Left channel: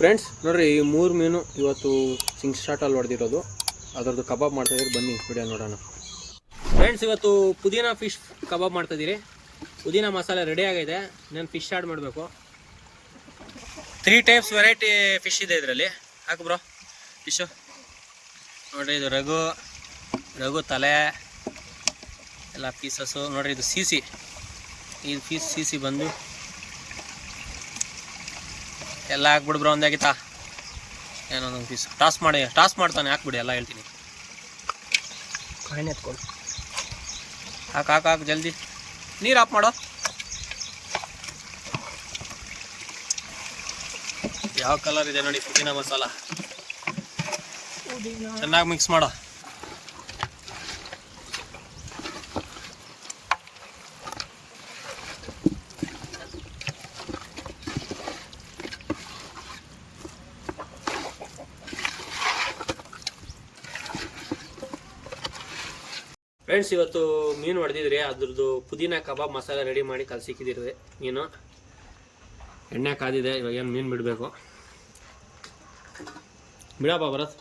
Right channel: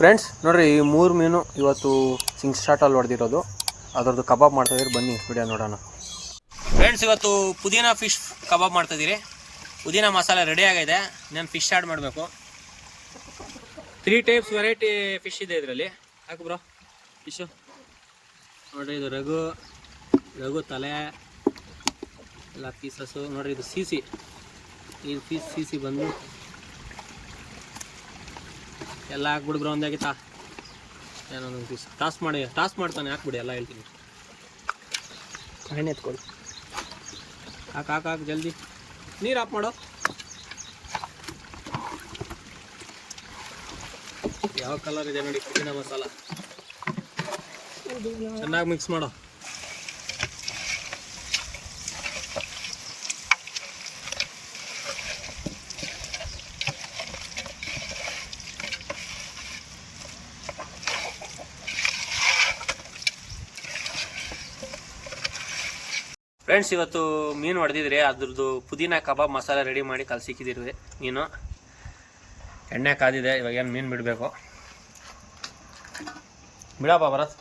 Friends ನೋಡ್ರಿ, ಈ ಮೂರು ಮೀನು ಇವತ್ತು ಸಿಂಗ್ ಸ್ಟಾರ್ಟಲ್ಲಿ ಹೊಡೆದಿರೋದು. ಅದರದ್ದು ಕಬಾಬ್ ಮಾಡ್ತಾಯಿದ್ರೆ ಬನ್ನಿ ವಿಡಿಯೋ ನೋಡೋಣ. ಫ್ರೆಂಡ್ಸ್ ಇವತ್ತು ಪುದೀನ ಫಿಶ್ ಕಬಾಬ್ ಮಾಡ್ತಾಯಿದ್ದೀರಿ ಪುದೀನ ಮಸಾಲೆ ರೆಡಿ ಆಗಿದೆ. ನಾನು ಫಿಶ್ ಆ್ಯಡ್ ಮಾಡಬೇಕು. ತ್ರೀ ಟೈಪ್ಸ್ ವೆರೈಟಿ ಫಿಶ್ ಇದೆ ಇದರಲ್ಲಿ. ಹಾಕು ಬ್ರೋ ಫಿಶು ನೋಡಿರಿ, ಇದು ರಘು ರಘು ತಲೆ, ಎಲ್ಲ ಪೀಸಸ್ಸು ನೋಡ್ರಿ, ಇದು ಸಿ ಸಿ ಇದು ಪೀಸ್ ಸಿ ಸಿ ಬಂದು ಎಲ್ಲ ಹಾಕ್ಬಿಡು ಬ್ರೋ ಏನೋ ಏನೊಂದೊಂದು ಪೀಸ್ ಟಾಸ್ ಮಾಡಿ ಟಾಸ್ ಮಾಡ್ತಾನೆ ಹಾಕ್ಬಿಡಿ ಎಲ್ಲ ಹೇಳ್ತೀನಿ. ಕಾಯಿನ ಎತ್ಕೊಳ್ಳಿ ಹಾಕಿ ಹಾಕಿ ಹಾಕಿ ಜಲ್ದಿ. ನೀರು ಆಫ್ ಮಾಡೋ. ಯಾವ ಕಲರ್ ಇದೆ ನೋಡಿ ಪುದೀನ ಮಸಾಲ. ಚೆನ್ನಾಗಿ ಮಿಕ್ಸ್ ಮಾಡೋ. ಫ್ರೆಂಡ್ಸ್ ಇವತ್ತು ಮೀನು ಹೊಡೆದಿದ್ರಿ ಅದ್ರದ್ದು ಪುದೀನ ಕಬಾಬ್ ಮಸಾಲೆ ರೆಡಿ ಮಾಡಿ ಕಲ್ಸಿಕ್ಕಿದಿರಿ ಮೀನು. ಎಣ್ಣೆ ಕಾದಿದೆ ಇವಾಗ ಏನು ಮೀನು ಬಿಡಬೇಕು. ಬಿಡಪ್ಪ ಭರತ್.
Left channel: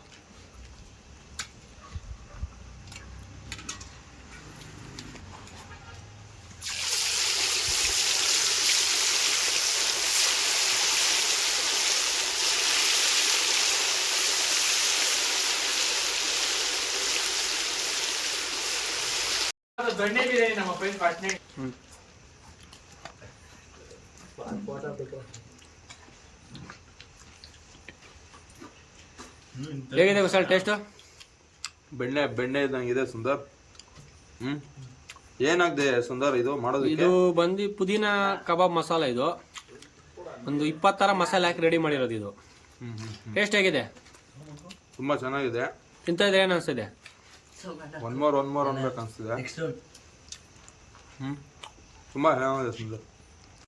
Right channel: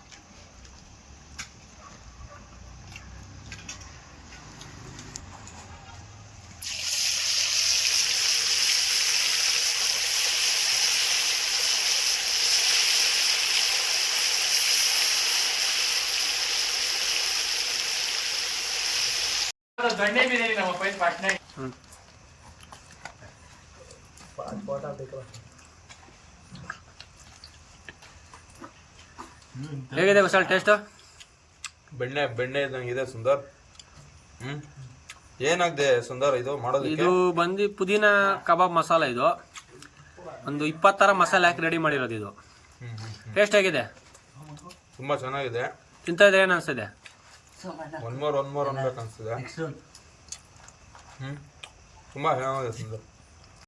ಹೇಗಿದೆ ಕುಶಲ್ ಟೇಸ್ಟ್ ಬೆಣ್ಣೆ ಬೆಣ್ಣೆ ಇದ್ದಂಗೆ ಇದೆ ಸುಂದರ್. ಹ್ಮ್. ಏನಾಗಿದೆ ಸುಂದರ್ ಇದು ಮಾಡೋದು ಇದು ಬಂದು ಪುದೀನ ಕಬಾಬ್ ಮಸಾಲ ಇದು. ಒಂದು ಇಪ್ಪತ್ತರ ಮಸಾಲೆ ಹಾಕಿ ರೆಡಿ ಮಾಡಿರೋದು ಇದು. ಟೇಸ್ಟ್ ಹೇಗಿದೆ? ತುಂಬಾ ಚೆನ್ನಾಗಿದೆ. ತಿಂತ ಇದ್ರೆ ಏನು ಅನಿಸ್ತಿದೆ ಒನ್ ಮೋರ್ ಒನ್ ಮೋರ್ ಅನ್ಬೇಕು ಅನ್ಸ್ತಿದೆ ಹ್ಮ್. ತುಂಬಾ ಚೆನ್ನಾಗಿದೆ ಸುಂದರ್.